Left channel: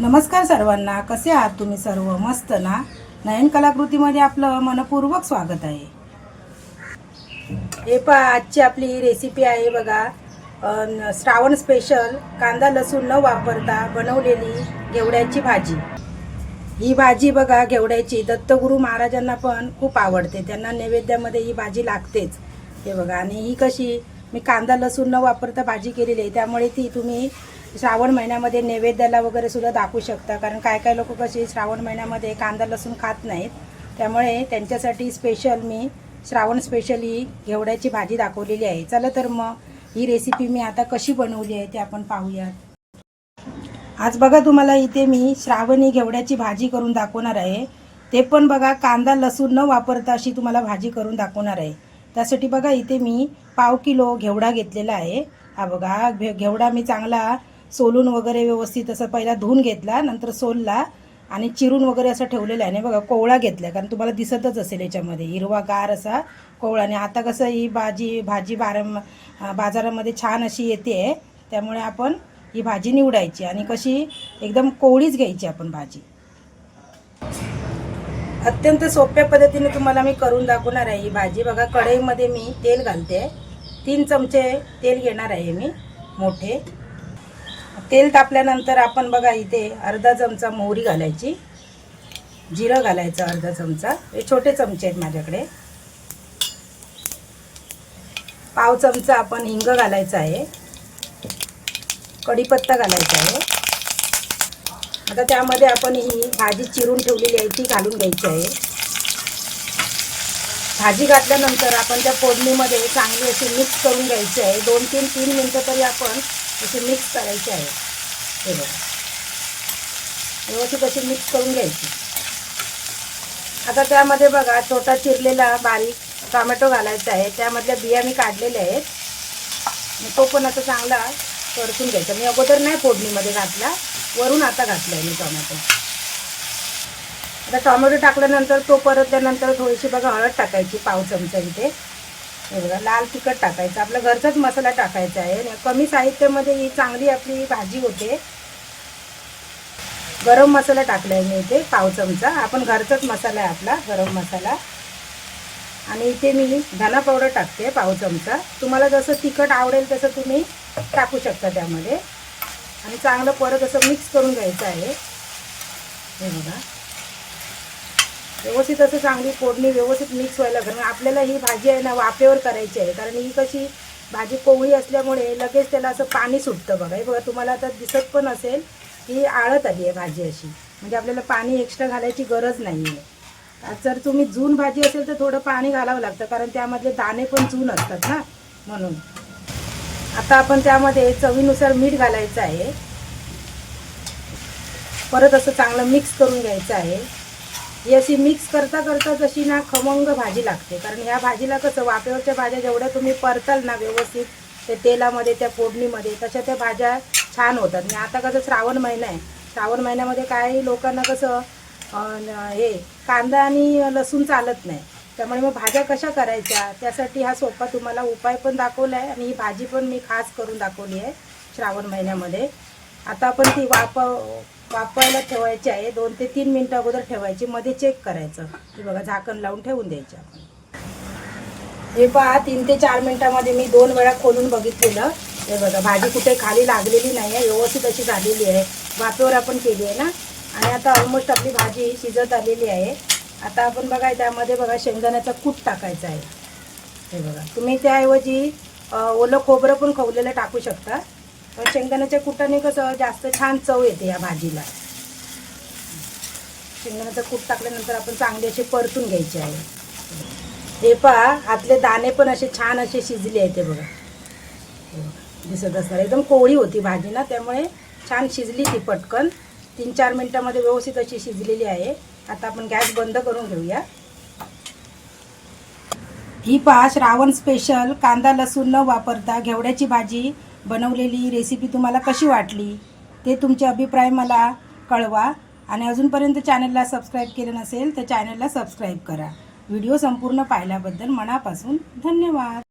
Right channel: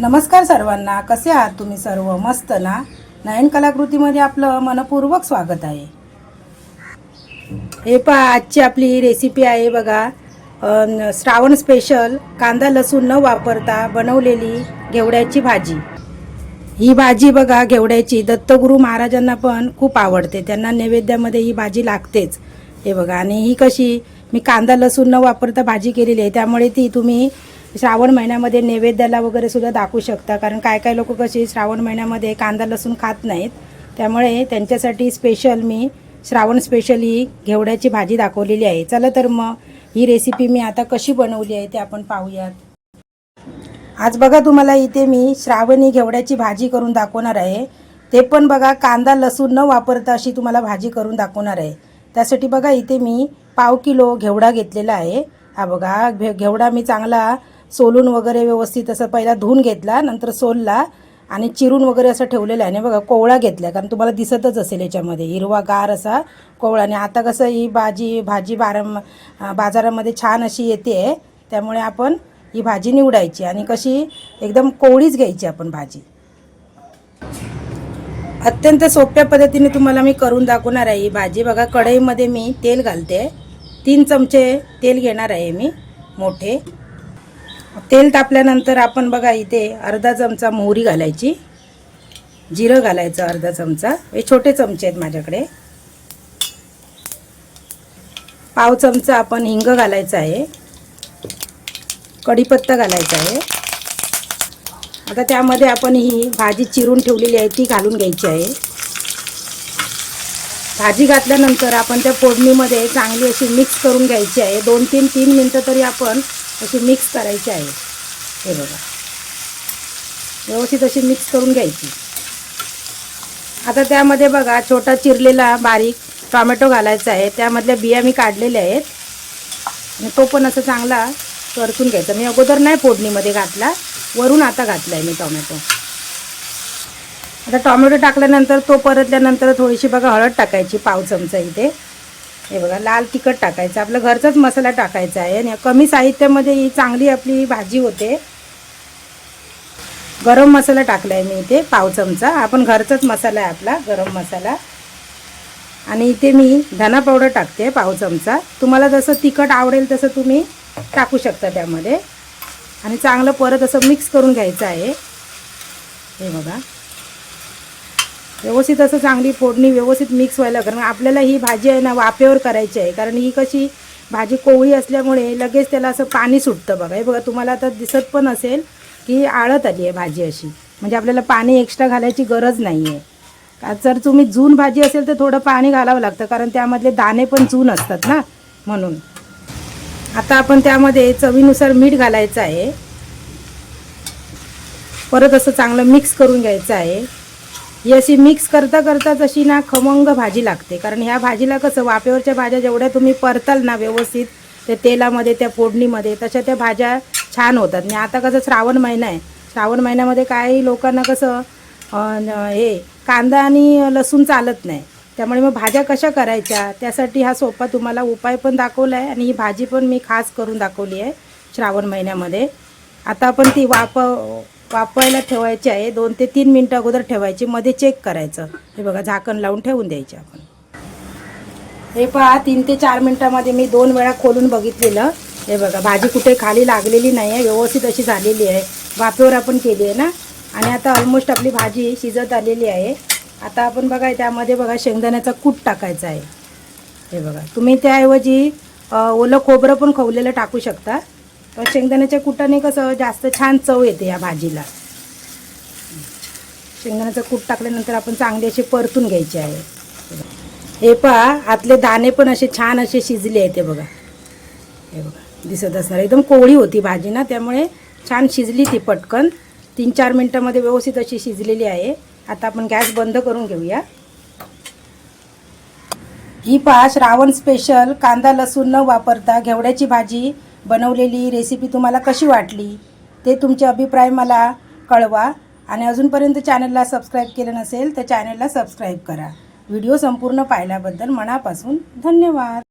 नमस्कार सर्वांना कसे आहात तुम्ही सर्व? मस्त ना? नयन कलाकृतीमध्ये आपलं मनपूर्वक स्वागत आहे. हे पहा आजची आपली रेसिपी आहे बघा. श्रावण स्पेशल कांदा लसूण न वापरता बनवलेली घेवड्याची भाजी. ही भाजी बघा घेवड्याची. दत्तगुरू महाराजांना पण खूप आवडते. त्यांना नैवेद्यामध्ये ही भाजी लागतेच. हे बघा आणि ही कशी? मी कांदा लसूण न वापरता भाजी केलेली आहे. त्यामुळे ती तुम्ही श्रावण महिन्यामध्ये नैवेद्याला वगैरे सुद्धा दाखवू शकता. कारण काय काय लोक कशी श्रावण महिन्यामध्ये कांदा लसूण खात नाहीत. त्यामुळे त्यांच्यासाठी स्पेशल मी श्रावण स्पेशल ही घेवड्याची भाजी दाखवलेली आहे. चला तर मग ही रेसिपी मी आता कशी बनवली आहे ते आपण पाहूयात. आज बघा तुम्हाला इथे मी श्रावणी घेवड्याची भाजी करून दाखवणार आहे. ते पण बघा कांदा लसूण न वापरता अशी तुम्हाला भाजी करून दाखवणार आहे. त्यासाठी बघा इथे मी पाव किलो घेवडा घेतलेला आहे. हा बघा घेवडा मी चांगला सोलून वगैरे व्यवस्थित असं पहिला धुवून घेतला नंतर सोलला आणि चिरून वगैरे असं ठेवलेलं आहे. आणि बघा कोवळा घेतला कारण तुम्हाला दिसतच असेल याच्यामध्ये. हिरवा गार असा कोवळा. आणि आता कसं ही भाजी भाजी बारा बाजारामध्ये छान अशी येते. आहे त्यामुळे आपण ही भाजी निवडायची आणि कशी एकदम कोवळीच घ्यायची आपण भाजी. अत्यंत सोप्या पद्धतीने तुम्हाला मी करून दाखवणार आहे ही भाजी. बघा कढईमध्ये मी तेल घालते. तीन चमचे तेल घेणार आहे मी मोठे. तेल तापल्यानंतर आपण बघा इथे अर्धा चमचा मोहरी घालायची. जिरं घालायचं अर्धा चमचा. हे छोटे चमचे आहेत माझ्याकडे. पाव चमचा आपण हिंग घालायचा आहे. कढीपत्ता घालायचा आहे. आता त्यामध्ये आपण ही भाजी चिरून ठेवलेली आहे ती घालून घ्यायची आहे. भाजी घातल्यानंतर आपण त्या फोडणीमध्ये चांगली अशी मिक्स करून घ्यायची आहे. दोन तीन तीन मिनटं तरी आपण अशी मिक्स करायची आहे. हे बघा. व्यवस्थित अशी मिक्स करून घ्यायची. आता त्यामध्ये बघा छोटा चिरलेला बारीक टोमॅटो घालायचा आहे. त्यामधल्या बिया मी काढलेल्या आहेत. आणि तो पण असं चांगला परतून घ्यायचा. मी अगोदर नाही फोडणीमध्ये घातला. वरून आता घातला आहे मी टोमॅटो. आता टोमॅटो टाकल्यानंतर तो परतल्यानंतर थोडीशी बघा हळद टाकायची पाव चमचा इथे. हे बघा लाल तिखट टाकायचं आपला घरचाच मसाला टाकायचा आहे आणि कमी साहित्यामध्ये ही चांगली आपली भाजी होते. गरम मसाला टाकला आहे मी इथे पाव चमचा. आपण घरचाच मसाला आहे आपला गरम मसाला. आणि इथे मी धना पावडर टाकते पाव चमचा. तुम्हाला जसं तिखट आवडेल तसं तुम्ही टाकू शकता त्यामध्ये. आणि चांगलं परत असं मिक्स करून घ्यायचं आहे. हे बघा. व्यवस्थित असं चांगली फोडणी व्यवस्थित मिक्स व्हायला कारण आपल्याला ही भाजी आहे ना वाफेवर करायची आहे. कारण ही कशी भाजी कोवळी असल्यामुळे लगेच त्याला असं पाणी सुटतं बघा. हे बघा तुम्हाला आता दिसत पण असेल की आळत आली आहे भाजी अशी. म्हणजे आपल्याला पाणी एक्स्ट्रा घालायची गरज नाही आहे जर तुम्ही जून भाजी असेल तर थोडं पाणी घालावं लागतं. कारण त्यामधले दाणे पण जून असतात ना म्हणून. आता आपण त्यामध्ये चवीनुसार मीठ घालायचं आहे. परत असं चांगलं मिक्स करून घ्यायचं आहे. ही अशी मिक्स करता करता जशी ना खमंग भाजी लागते. कारण ह्या भाजीला कसं वाफेवरच्या भाज्या जेवढ्या तुम्ही परताल ना व्यवस्थित त्या तेलामध्ये त्या फोडणीमध्ये तशा त्या भाज्या छान होतात. आणि आता कसं श्रावण महिना आहे. श्रावण महिन्यामध्ये काही लोकांना कसं हे कांदा आणि लसूण चालत नाही. त्यामुळे मग भाज्या कशा करायच्या त्यासाठी हा सोपा तुम्हाला उपाय पण दाखवला आहे आणि ही भाजी पण मी खास करून दाखवली आहे श्रावण महिन्यामध्ये. आता आपण ती वाफ वापरायला ठेवायची आहे. दोन ते तीन मिनटं अगोदर ठेवायची. मध्ये चेक करायचं. हे बघा झाकण लावून ठेवून द्यायचे. आपण हे पहा तीन ते चार मिनटामध्ये मी दोन वेळा खोलून बघितलेलं. हे बघा भाजी कुठे खाली लागलेली नाही आहे व्यवस्थित अशी झालेली आहे. वाफेवर आपण केली आहे ना? आणि आता ऑलमोस्ट आपली भाजी शिजत आलेली आहे. आता आपण बघा त्यामध्ये बघा शेंगदाण्याचा कूट टाकायचा आहे. हे बघा तुम्ही त्याऐवजी ओलं खोबरं पण खवलेलं टाकू शकता. तर शेंगदाण्याच्या कुटाने कसं जास्त छान चव येते या भाजीला. शेंगदाण्याचं कूट टाकल्यानंतर आपण चांगले असे परतून घ्यायचे आहे. हे पहा आतले दाणे पण असे छान असे शिजले आहेत ते बघा. हे बघा दिसत असणार. एकदम कोवळी होती भाजी ना त्यामुळे छान शिजली ती पटकन. तीन चार मिनटामध्ये व्यवस्थित अशी शिजलेली आहे. आता आपण गॅस बंद करून घेऊया. ही पहा श्रावण स्पेशल कांदा लसूण न वापरता घेवड्याची भाजी बनवलेली रेसिपी तुम्हाला कशी वाटली ते तुमचे अभिप्राय मला कळवा. आणि अजूनपर्यंत चॅनलला सबस्क्राईब केलं नसेल तर चॅनलला सबस्क्राईब करा. व्हिडिओ संपूर्ण पाहिल्याबद्दल मनापासून धन्यवाद.